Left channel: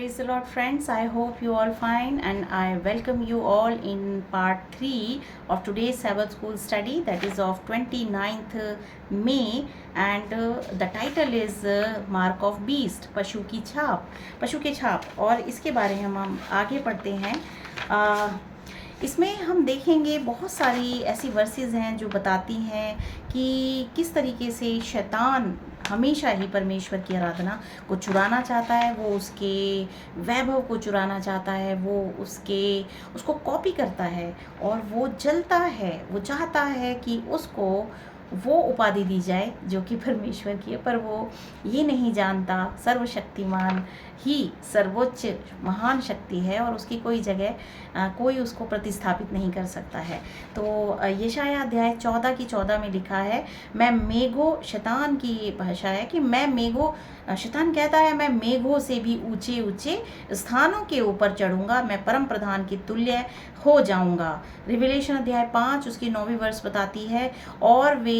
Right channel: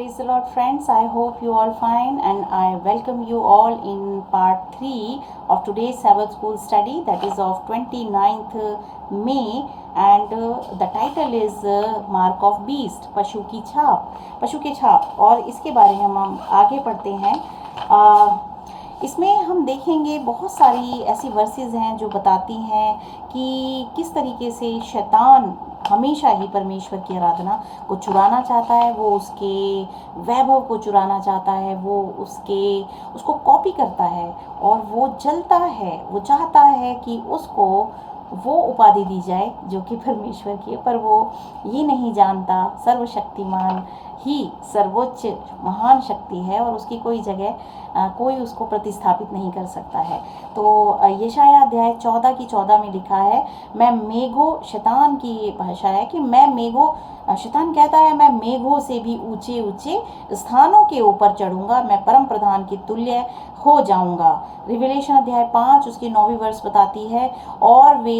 Praise the Lord, friends. I hope you all fine, and I welcome you all in part 3 of today's Sabbath school study, that is of 29th May, and the title is Mark of Beast, पशु की छाप, पशु के छाप। और इसके बारे में हम आगे पढ़ते हैं। इसमें हम देखेंगे बहुत सारी ऐसी वर्सेस हैं जो बताती हैं कि किस तरीके से शैतान हमेशा ही परमेश्वर की आराधना को चुराना चाहता है, वो उसके वैभव को चुराना चाहता है, वो उसको कॉपी करता है और वो जलता है, वो चाहता है कि उसको वो उपाधि दी जाए जो कि परमेश्वर की है, पर वो ये नहीं जानता सर्वशक्तिमान ही सर्वोच्च महान शक्ति है और उसकी कोई जगह कोई उसको प्रतिस्थापित नहीं कर सकता है। तो यशायाह अध्याय 14 की 14 में लिखा है, मैं मेघों, शैतान की ये भाषा है कि मैं मेघों, शैतान कहता है मैं मेघों से भी ऊंचे ऊंचे स्थानों के ऊपर चढ़ूंगा, मैं परम प्रधान की तुल्य हो जाऊंगा। रिविलेशन अध्याय 5 उसकी 9वीं वर्ष बताती है। और वे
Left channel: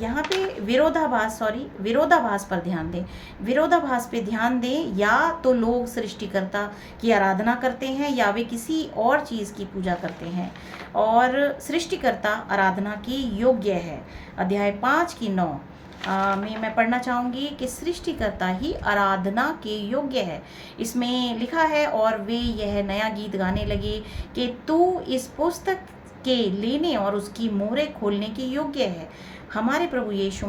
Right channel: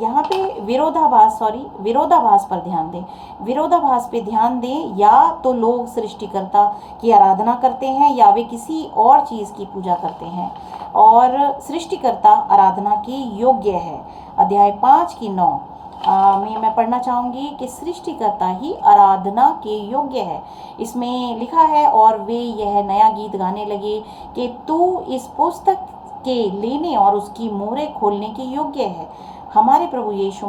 यहाँ पे विरोधाभास पर ध्यान दें, विरोधाभास पे ध्यान दें। या तो लोग सृष्टिकर्ता की आराधना करते हैं या वे किसी और चीज़ की पूजा करते हैं, और सृष्टिकर्ता आराधना की योग्य है। अध्याय 5 की 9 में मैं पढ़ना चाहूँगी कि सृष्टिकर्ता ही आराधना के योग्य है। इसमें लिखा है, और वे यह नया गीत गाने लगे कि तू इस पुस्तक के लेने और उसकी मोहरें खोलने के योग्य है। हमारे प्रभु यीशु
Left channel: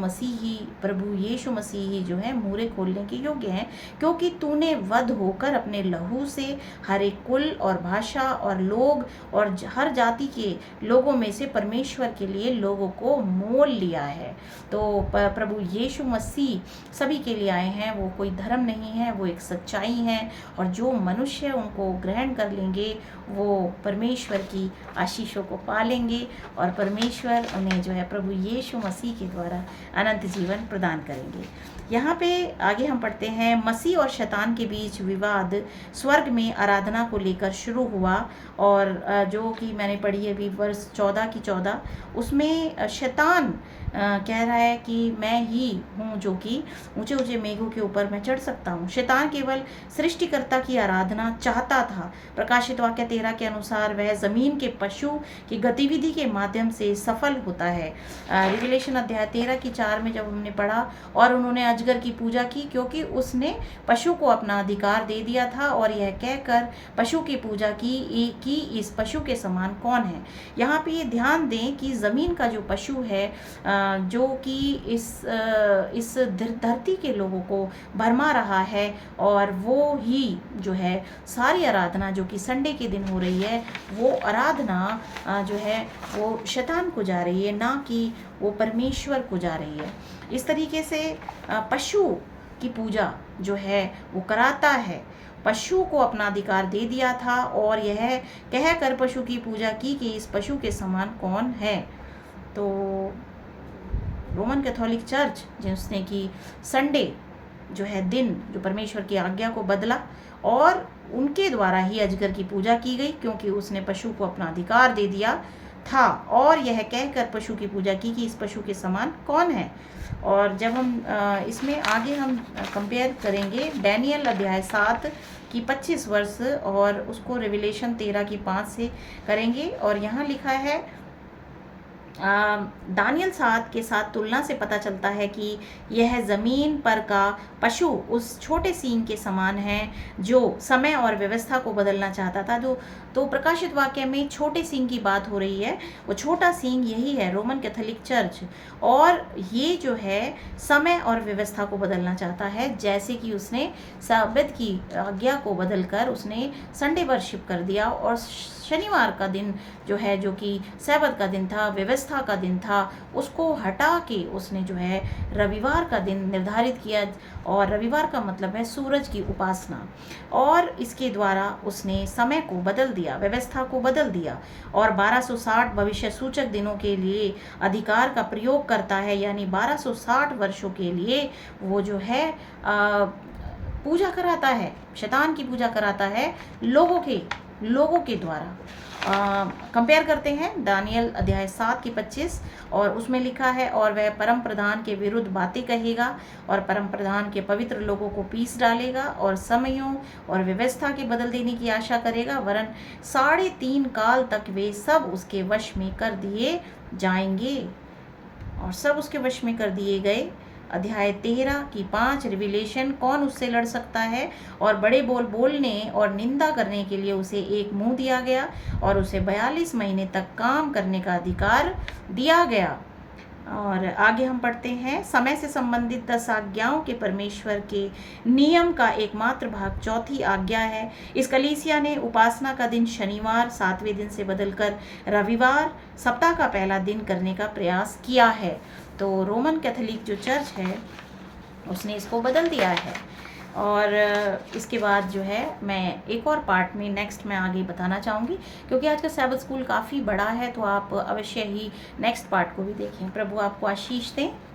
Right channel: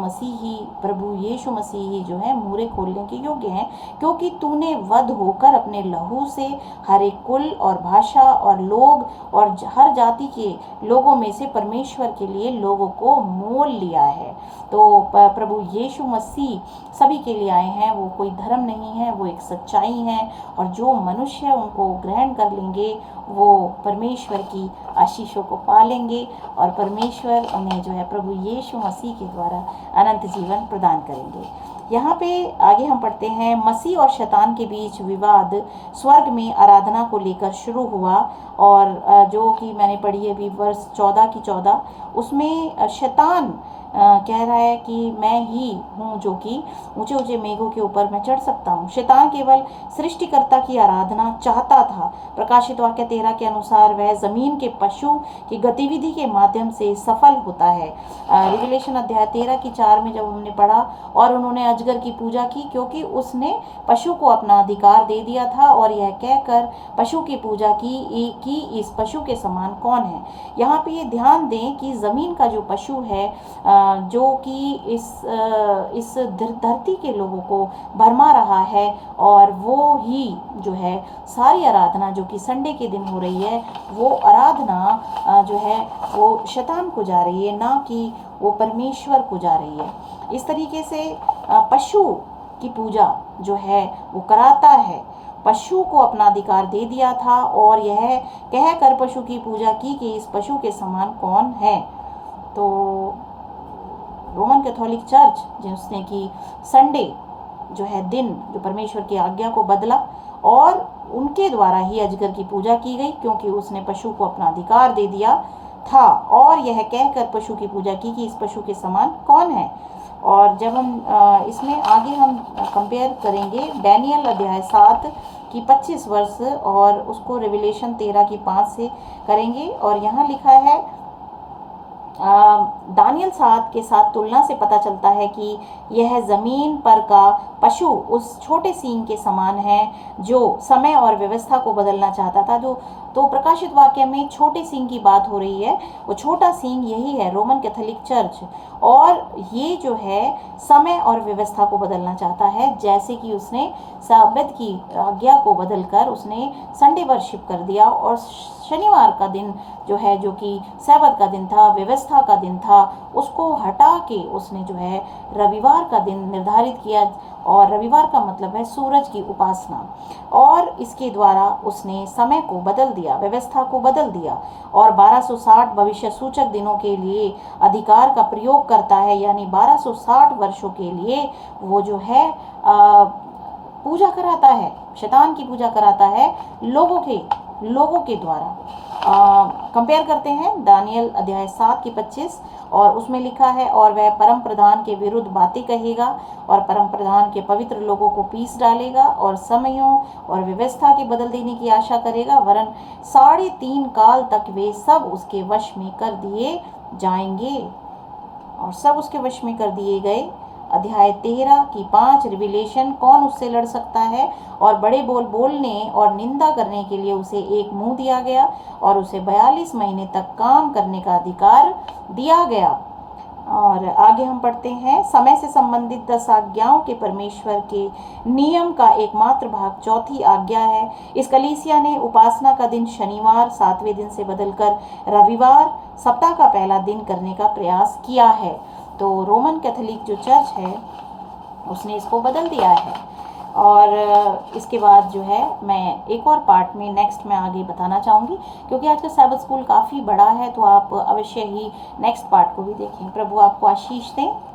मसीह ही जो है मोहरें खोलने के योग्य हैं, क्योंकि तूने वध होकर अपने लहू से हर एक कुल और भाषा और लोग और हर जाति के लोगों में से परमेश्वर के लिए लोगों को मोल लिया है। तो प्रभु यीशु मसीह सभी के लिए आए हैं, वो कोई धर्म नहीं है, वो एक सच्चाई है, और जो मनुष्य उनको ग्रहण कर लेंगे वो परमेश्वर की आशीषों को पालेंगे और परमेश्वर उन्हें जो है प्रभु यीशु मसीह के द्वारा अनंत जीवन प्रदान करेंगे। यहाँ पे आगे हम पढ़ते हैं, मसीह और शैतान के बीच विवाद स्वर्ग में आराधना को लेकर शुरू हुआ, और जो कि मैंने पढ़ी है अभी वर्ष 14 की 14, उसमें शैतान कह रहा है कि मैं ही हूँ जो कि ऊंचे ऊंचे मेघों के ऊपर मैं चढ़ सकता हूँ। शैतान केवल सृष्टिकर्ता की आराधना चाहता था। प्रकाशित वाक्य 13 के अनुसार वह जमीन के पशु की गतिविधि के माध्यम से सफल होता है। रिविलेशन अध्याय 13 की 4 में जब हमने पढ़ा, और उन्होंने अजगर की पूजा की क्योंकि उसने पशु को अपना अधिकार दे दिया था, और यह कहकर पशु की पूजा की इस पशु के समान कौन है। यहाँ पे ये ध्यान दें कि जमीन का जो पशु है, जो कि इस धरती के लोगों को भरमा रहा है, और वो ही जो है सारी आराधना जो कि संडे के दिन हो रही है, वो आराधना जो है वो शैतान को जा रही है, ना कि वो परमेश्वर को जा रही है। इस तरीके से पशु की पूजा जो है वो कराता है, पशु को अपना अधिकार दे दिया था, और यह कहकर पशु की पूजा की कि इस पशु के समान कौन है। तो रोमन कैथोलिक चर्च जिसने कि संडे जो है दिन जो परमेश्वर की आज्ञा को बदला, और उनके द्वारा ही अजगर की पूजा की गई क्योंकि उसने पशु को अपना अधिकार दे दिया था, और यह कहकर पशु की पूजा की कि इस पशु के समान कौन है। और जब हम इसमें आगे हम कंपेयर करेंगे डैनियल अध्याय 7 की 25 वर्ष और उसको रेविलेशन 13 की 5 से करेंगे, और यहाँ लिखा है, दानियल 7 के साथ तुलना से पता चलता है कि यह जमीन पर का पशु उस छोटे सींग के समान है जो समय और व्यवस्था को बदलना चाहता था। जो तो प्रकाशित वाक्य में छोटे सींग की बात हो रही है, वो छोटा सींग यही है रोमन कैथोलिक चर्च, और ये जो है समय और व्यवस्था को बदलना चाहता है, जैसे कि उसने साबित की आज्ञा को बदलकर उसने संडे वर्शिप कर दिया, और शनिवार का दिन जो है, जो कि सैबत का दिन था, व्यवस्था का दिन था, उसको हटा के उसने जो है रविवार का दिन निर्धारित किया, और रविवार का मतलब है सूरज की उपासना, और इसके द्वारा उसने समय को बदल दिया, व्यवस्था को बदल दिया, और 1260 भविष्य सूचक दिनों के लिए अधिकार का प्रयोग करता है, यानी 1260 वर्षों के लिए वो जो है पूजा कराता है, शैतान की पूजा कराता है लोगों के लोगों के द्वारा। कंपेयर करते हैं दानियल अध्याय 7 की 25, और उसमें लिखा है, और वह परम प्रधान के विरुद्ध बातें कहेगा और परम प्रधान के पवित्र लोगों को पीस डालेगा और समयों और व्यवस्था के बदल देने की आशा करेगा, वरन 3.5 काल तक वे सब उसके वश में कर दिए जाएंगे। और सब उसके वश में कर दिए गए। अध्याय 13 की 5 रिविलेशन, कौन उससे लड़ सकता है, और बड़े बोल बोलने और निंदा करने के लिए उसे एक मुंह दिया गया और उसे 42 महीने तक काम करने का अधिकार दिया गया। और आगे हम पढ़ते हैं, समय से संबंधित 10 आज्ञाओं के परमेश्वर के नियम का एकमात्र भाग चौथी आज्ञा है। इस कलीसिया ने उपासना का दिन शनिवार 7वें दिन से बदलकर रविवार सप्ताह का पहला दिन करने का प्रयास किया है। तो रोमन कैथोलिक जो चर्च है उसने इसको बदल दिया है। और इसके बाद जो है मैं एक और पार्ट में नेक्स्ट में आगे बताना चाहूँगी, क्योंकि आज का सैबथ स्कूल काफ़ी बड़ा है, तो आप अवश्य ही नेक्स्ट पार्ट को भी देखें। प्रभु आपको आशीष दें।